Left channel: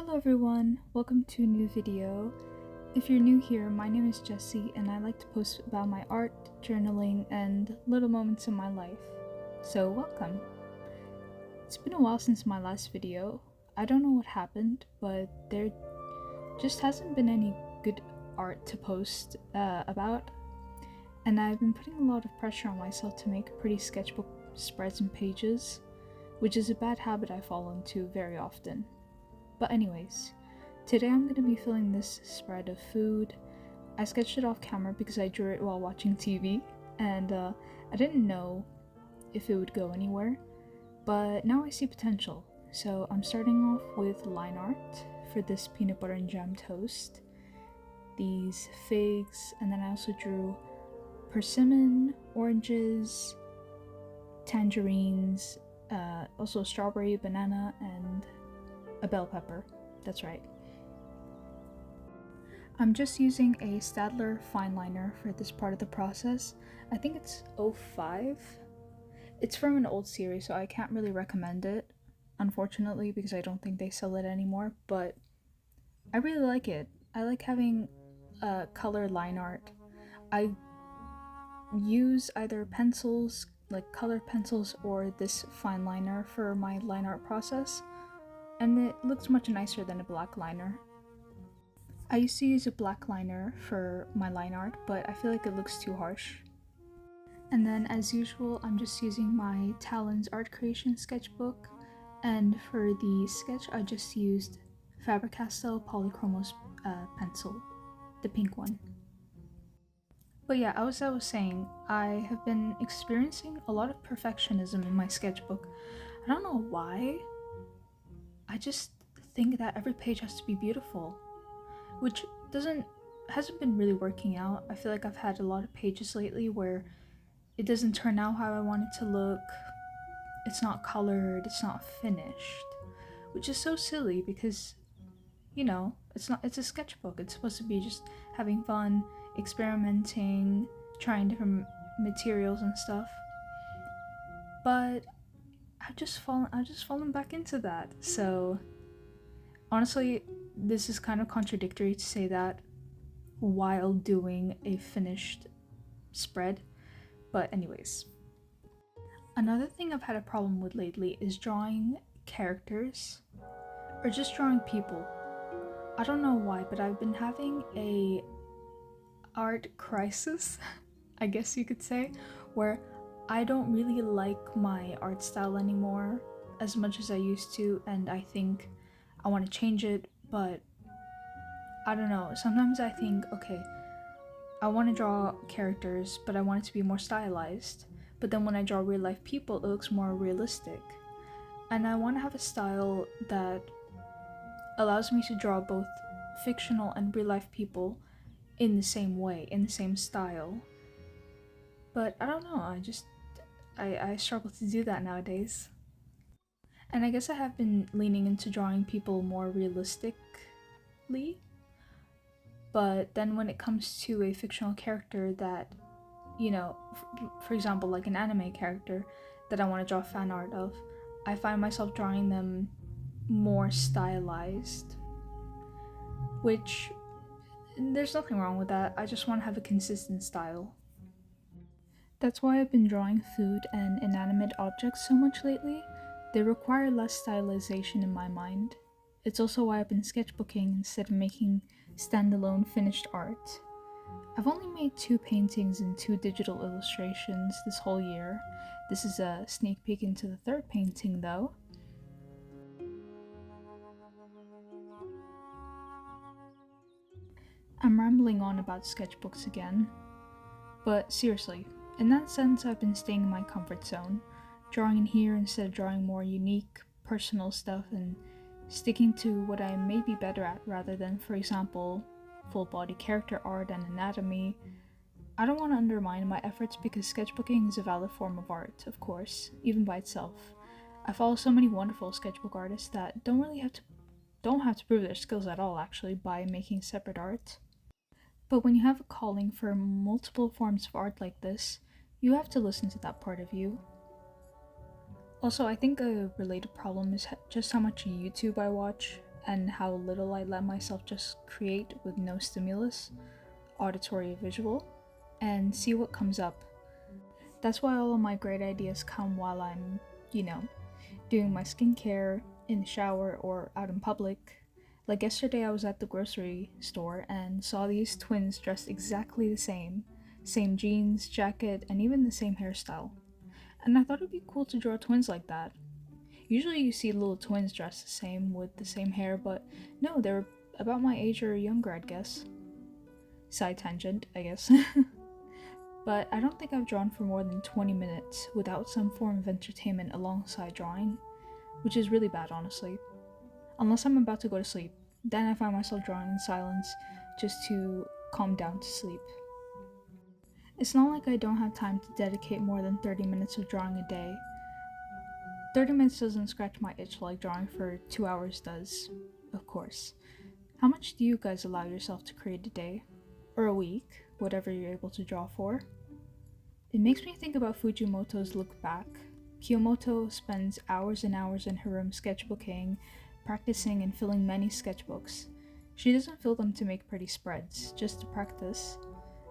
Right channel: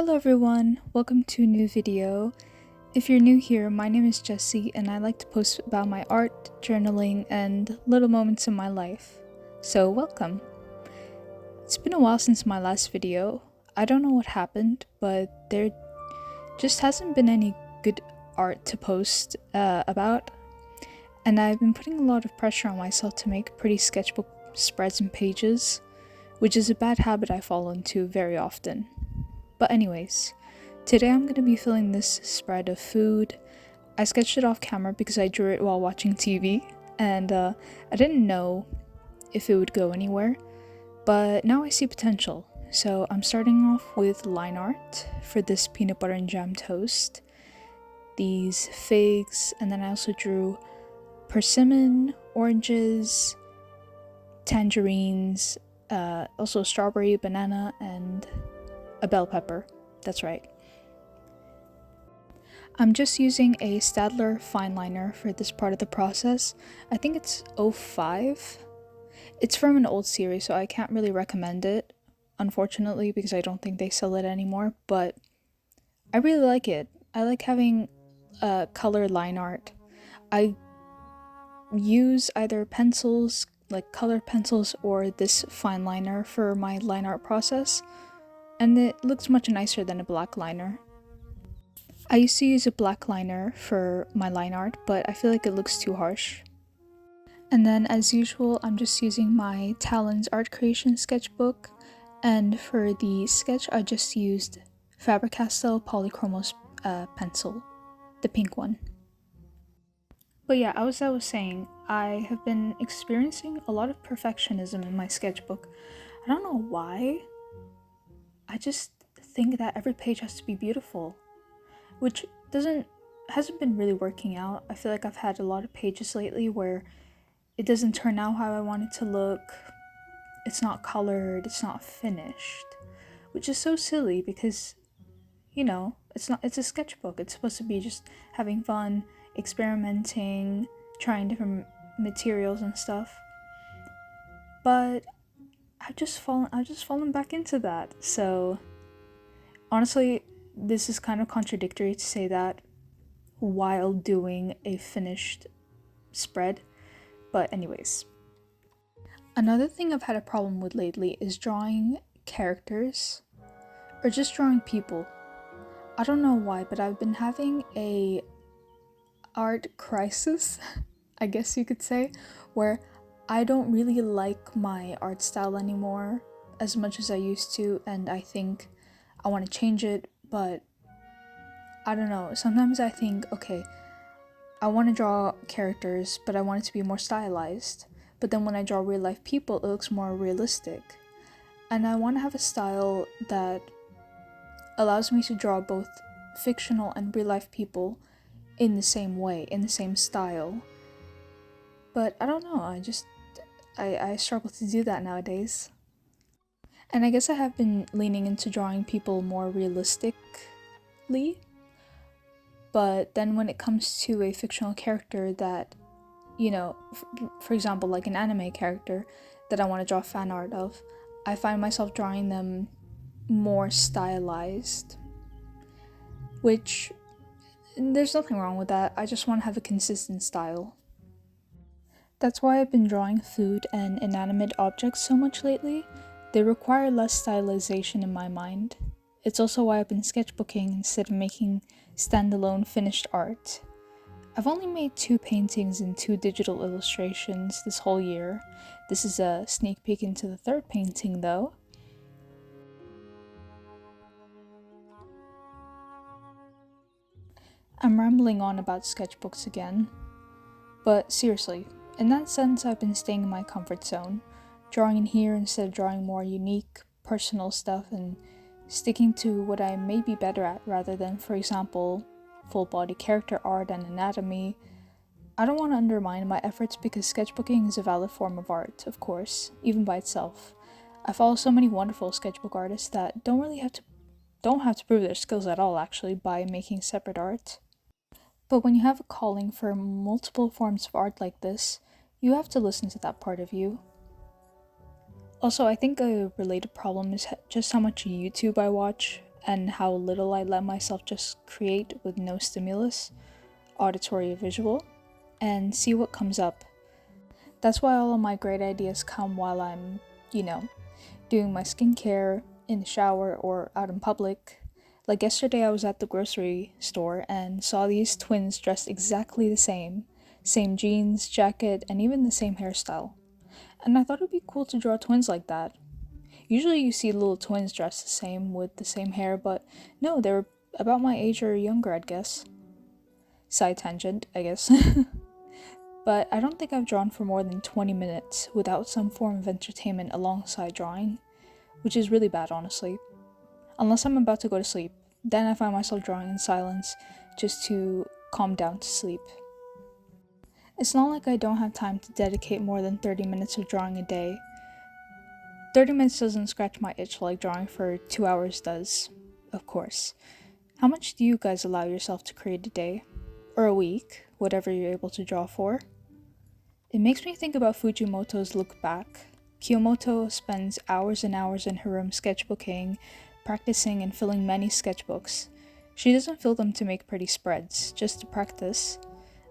Hello everyone, welcome to a new video. If you're new here, my name is Jessie and I like to post about my art, journaling, and little moments in my life. So welcome. It's been a while since my last video. I don't know what happened, but there just hasn't been any good art to post about. And I've been putting a lot of pressure on myself to make pretty sketchbook spreads and pages, which is a bad habit I fall into very often. But anyways, today I'm going to be filling this spread of food. I sketched it off camera because I drew it while watching TV, and I didn't know if it would go anywhere, but now I see potential. So I'm starting off with line art for this peanut butter and jam toast, these figs, and then I also drew persimmon, oranges, tangerines, also strawberry, banana, and a bell pepper. That's right. I'm just using a Staedler fine liner for this part of the process. I think it's 05. It's from an old series, so I can't really recommend it, unfortunately, because I don't think they sell it anymore, but I really like it. I like having color line art. I use either pencils, like colored pencils, or this fine liner for my line art process, and it looks much nicer than a black liner. I used to use a black liner for my line art, but I feel like it looks too harsh. And then as usual, I'm just using my Talens Art Creation sketchbook, and for the sketch I just used Faber Castell Polychromos pencil, the pink one. But yeah, as I was saying, I have been experiencing a lot of perfectionism in my sketchbook. I don't know why. I just think that every page has to be beautiful, which hasn't been really working out. I feel like I've had a lot of pages lately where it doesn't turn out how I want it to look. It's not colored, it's not finished, which is so silly because, you know, it's a sketchbook. It's supposed to be just having fun, experimenting, trying different materials and stuff. But I've just fallen back into that. So honestly, this is kind of contradictory to say that while doing a finished spread. But anyways, another thing I've had a problem with lately is drawing characters or just drawing people. I don't know why, but I've been having a art crisis, I guess you could say, where I don't really like my art style anymore as much as I used to, and I think I want to change it, but I don't know. Sometimes I think, okay, I want to draw characters, but I want it to be more stylized. But then when I draw real life people, it looks more realistic. And I want to have a style that allows me to draw both fictional and real life people in the same way, in the same style. But I don't know, I struggle to do that nowadays. And I guess I have been leaning into drawing people more realistically. But then when it comes to a fictional character that, you know, for example, like an anime character that I want to draw fan art of, I find myself drawing them more stylized. Which, there's nothing wrong with that. I just want to have a consistent style. That's why I've been drawing food and inanimate objects so much lately. They require less stylization in my mind. It's also why I've been sketchbooking instead of making standalone finished art. I've only made 2 paintings and 2 digital illustrations this whole year. This is a sneak peek into the 3rd painting though. I'm rambling on about sketchbooks again, but seriously, in that sense I've been staying in my comfort zone, drawing in here instead of drawing more unique, personal stuff and sticking to what I may be better at rather than, for example, full body character art and anatomy. I don't want to undermine my efforts because sketchbooking is a valid form of art, of course, even by itself. I follow so many wonderful sketchbook artists that don't have to prove their skills at all actually by making separate art. But when you have a calling for multiple forms of art like this, you have to listen to that part of you. Also, I think a related problem is just how much YouTube I watch. and how little I let myself just create with no stimulus, auditory or visual, and see what comes up. That's why all of my great ideas come while I'm, doing my skincare, in the shower, or out in public. Like yesterday, I was at the grocery store and saw these twins dressed exactly the same jeans, jacket, and even the same hairstyle. And I thought it'd be cool to draw twins like that. Usually you see little twins dressed the same with the same hair, but no, they were about my age or younger, I'd guess. Side tangent, I guess. But I don't think I've drawn for more than 20 minutes without some form of entertainment alongside drawing, which is really bad, honestly. Unless I'm about to go to sleep, then I find myself drawing in silence just to calm down to sleep. It's not like I don't have time to dedicate more than 30 minutes of drawing a day. 30 minutes doesn't scratch my itch like drawing for 2 hours does, of course. How much do you guys allow yourself to create a day? Or a week, whatever you're able to draw for? It makes me think about Fujimoto's Look Back. Kiyomoto spends hours and hours in her room sketchbooking, practicing and filling many sketchbooks. She doesn't fill them to make pretty spreads, just to practice.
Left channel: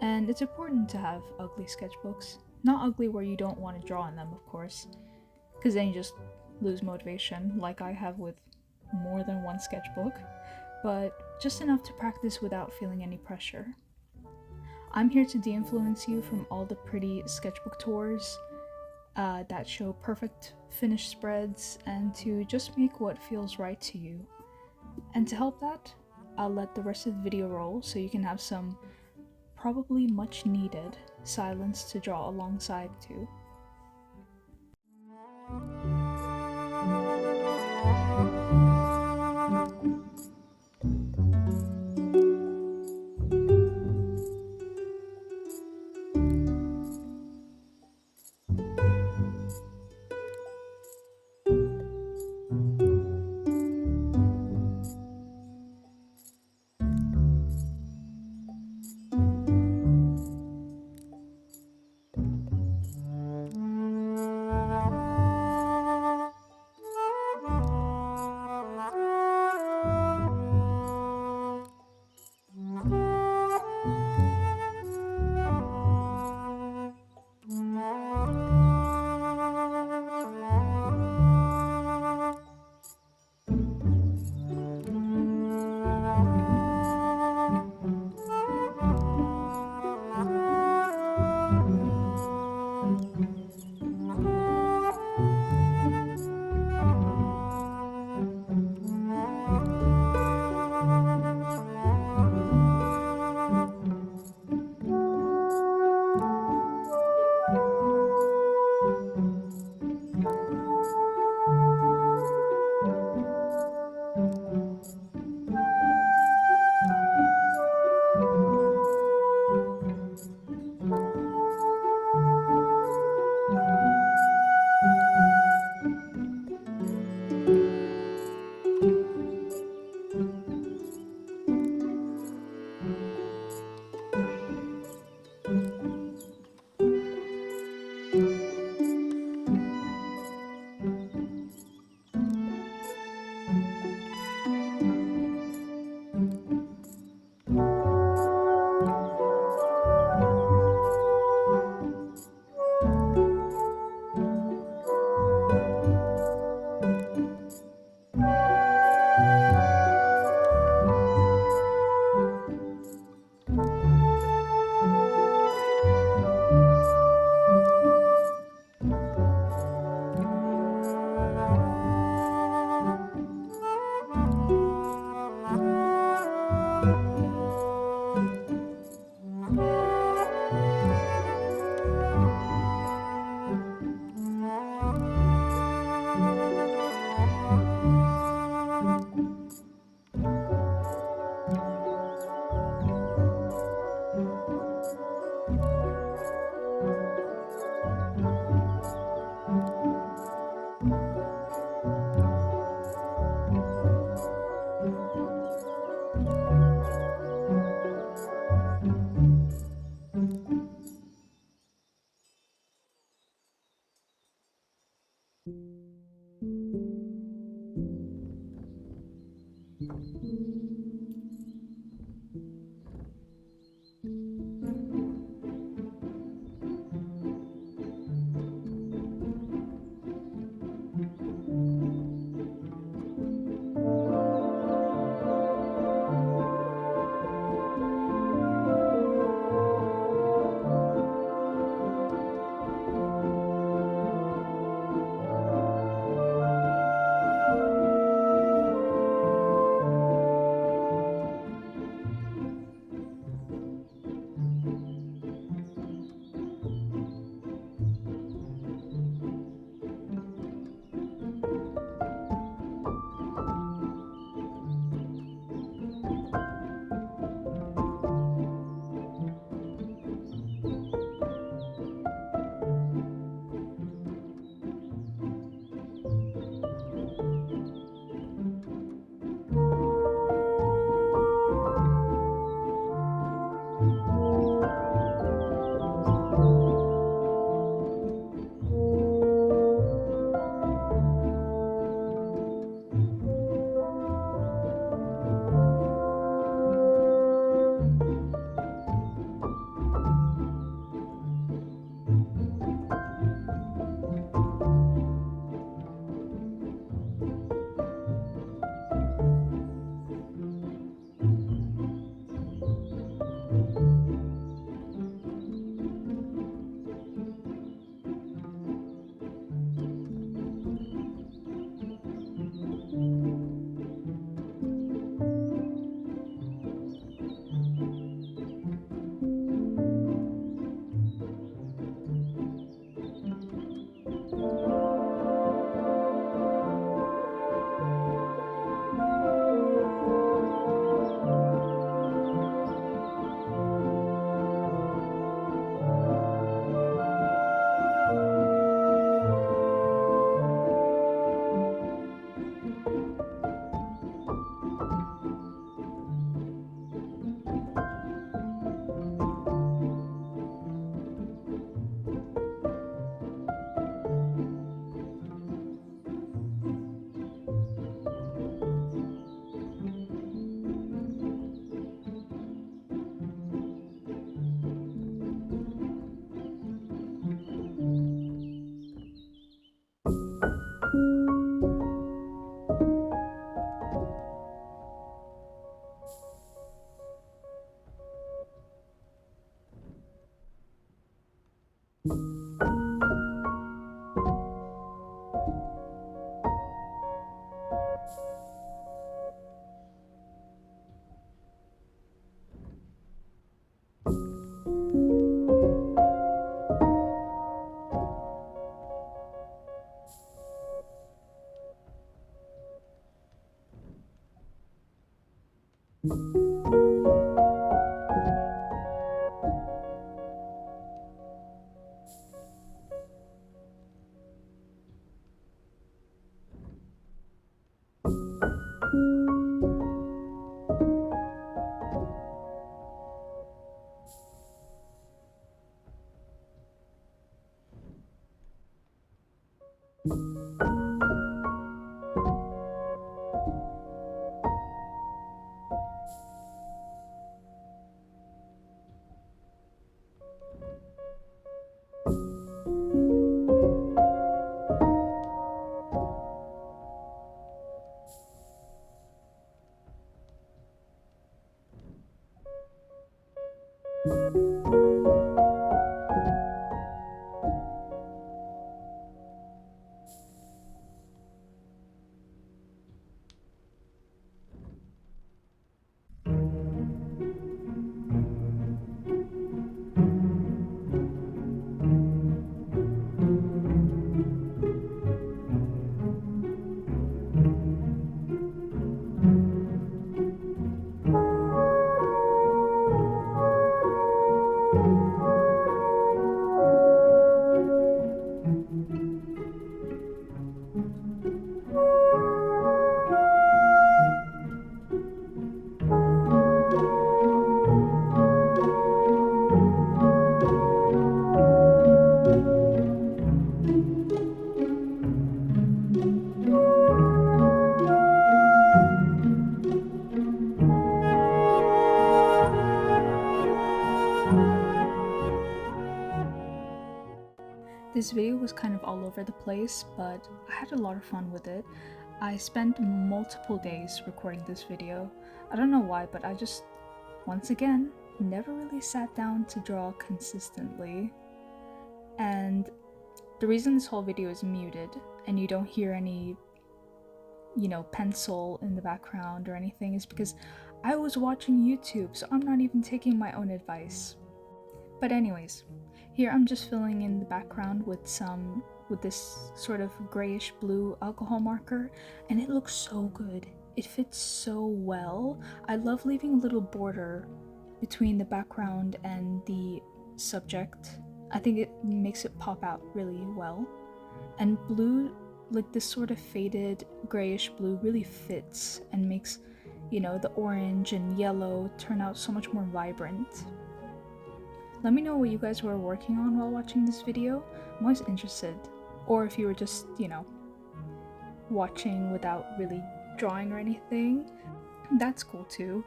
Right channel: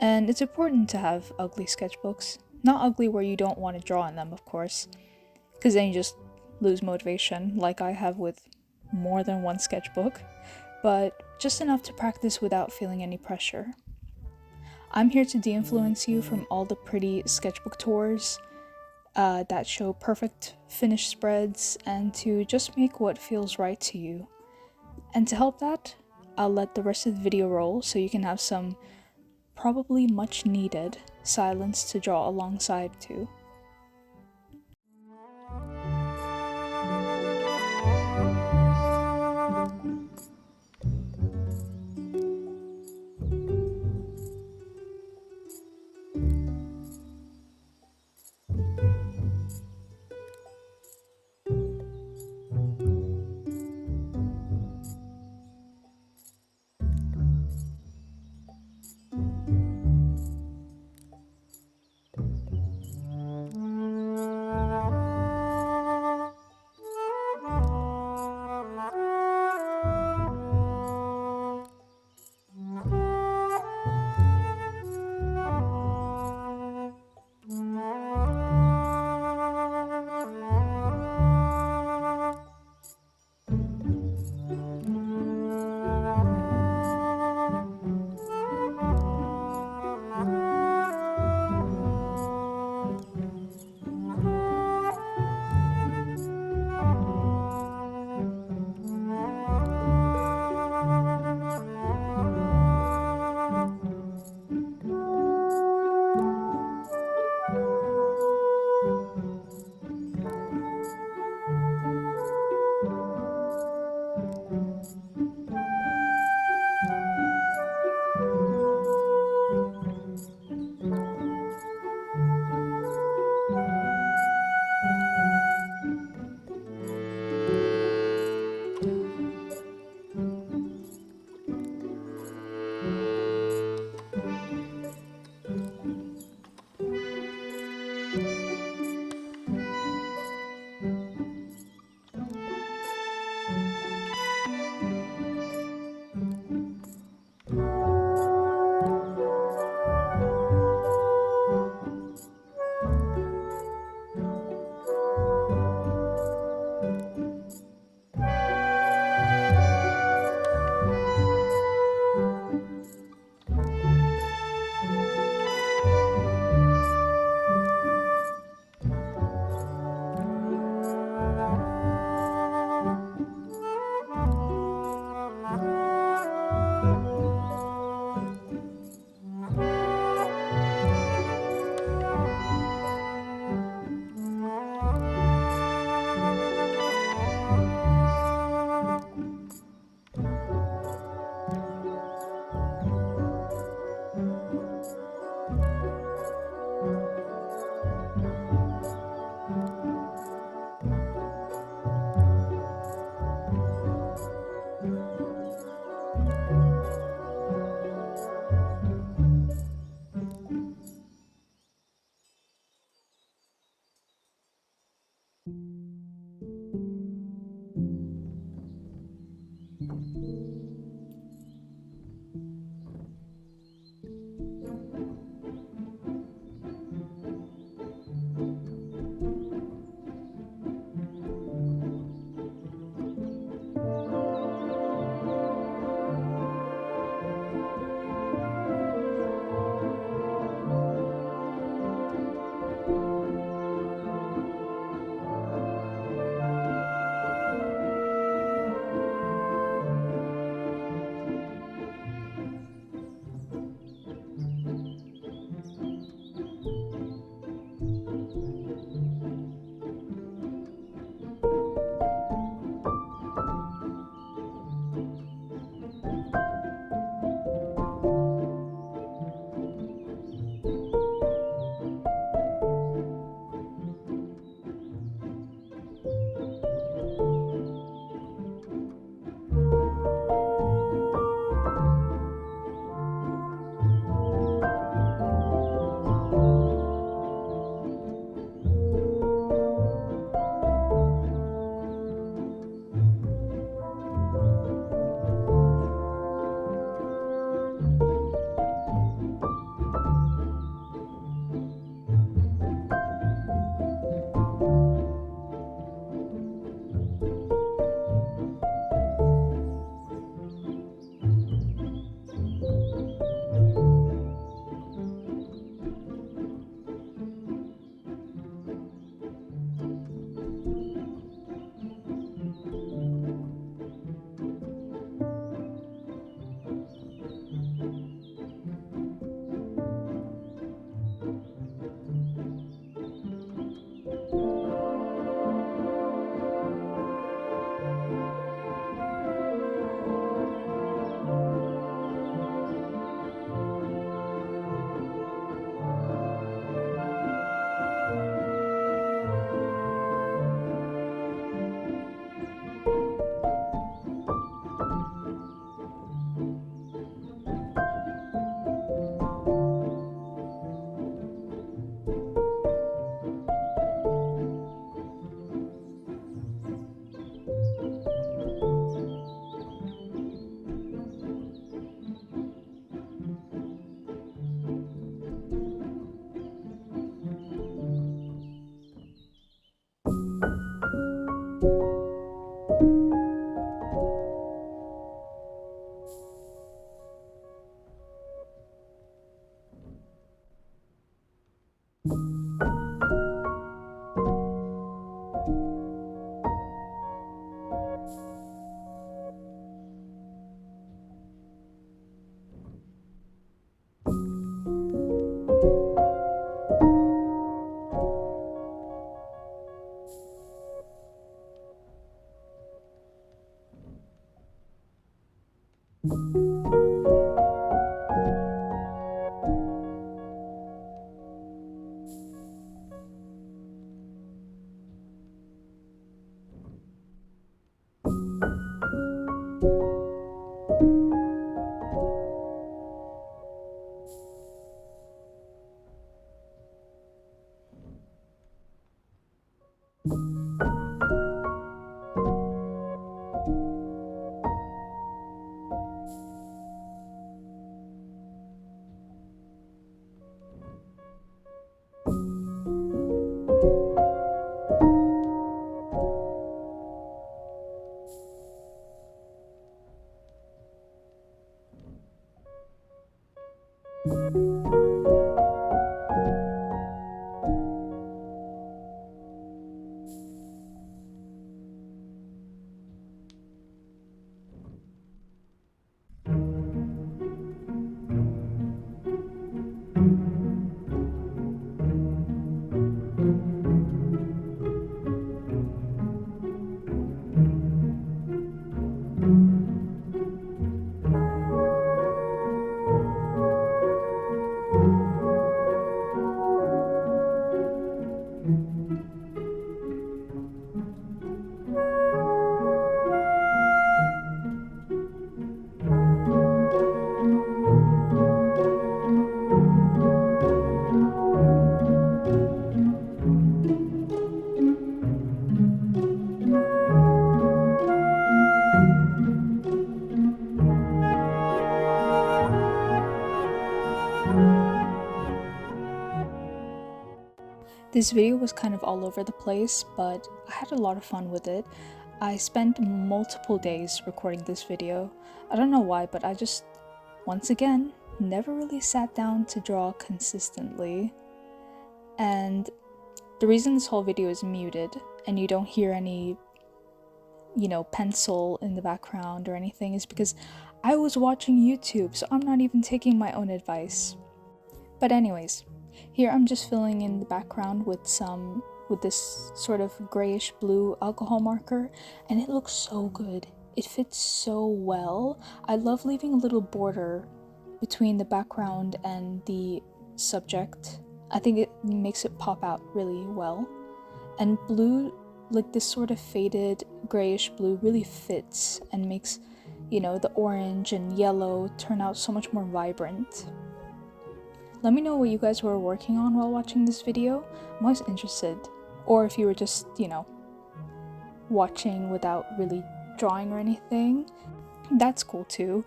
And it's important to have ugly sketchbooks. Not ugly where you don't want to draw in them, of course, because then you just lose motivation, like I have with more than one sketchbook, but just enough to practice without feeling any pressure. I'm here to de-influence you from all the pretty sketchbook tours that show perfect finished spreads, and to just make what feels right to you. And to help that, I'll let the rest of the video roll so you can have some probably much needed silence to draw alongside to. This video was kind of all over the place, but I had a lot of fun with it. I spent multiple days recording this video. I don't know why, but I just, once again, never really sat down to draw consistently. And the reason this whole video is muted and you don't hear any, pencil in the background or anything is because I was watching YouTube, so I'm not even taking my own advice. But anyways, here I'm just filling in the background with this sort of grayish blue alcohol marker, and it looks so good. It fits so well. I love leaving a little border between the background and the subject. I think it makes it pop out really well. And blue, like this sort of faded grayish blue, really fits and makes, the orange and yellow turn out so much more vibrant. Let me know what you guys were working on while watching this video. I'm always interested. Or if you were just, watching without really drawing or anything, that's cool too.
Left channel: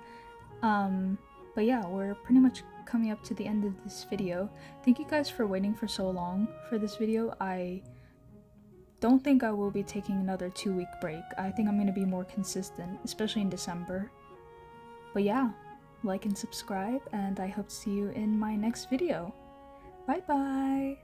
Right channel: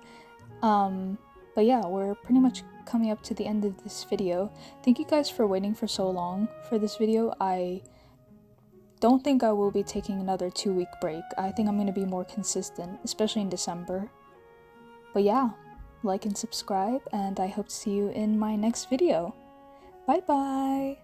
But yeah, we're pretty much coming up to the end of this video. Thank you guys for waiting for so long for this video. I don't think I will be taking another 2-week break. I think I'm going to be more consistent, especially in December. But yeah, like and subscribe, and I hope to see you in my next video. Bye bye!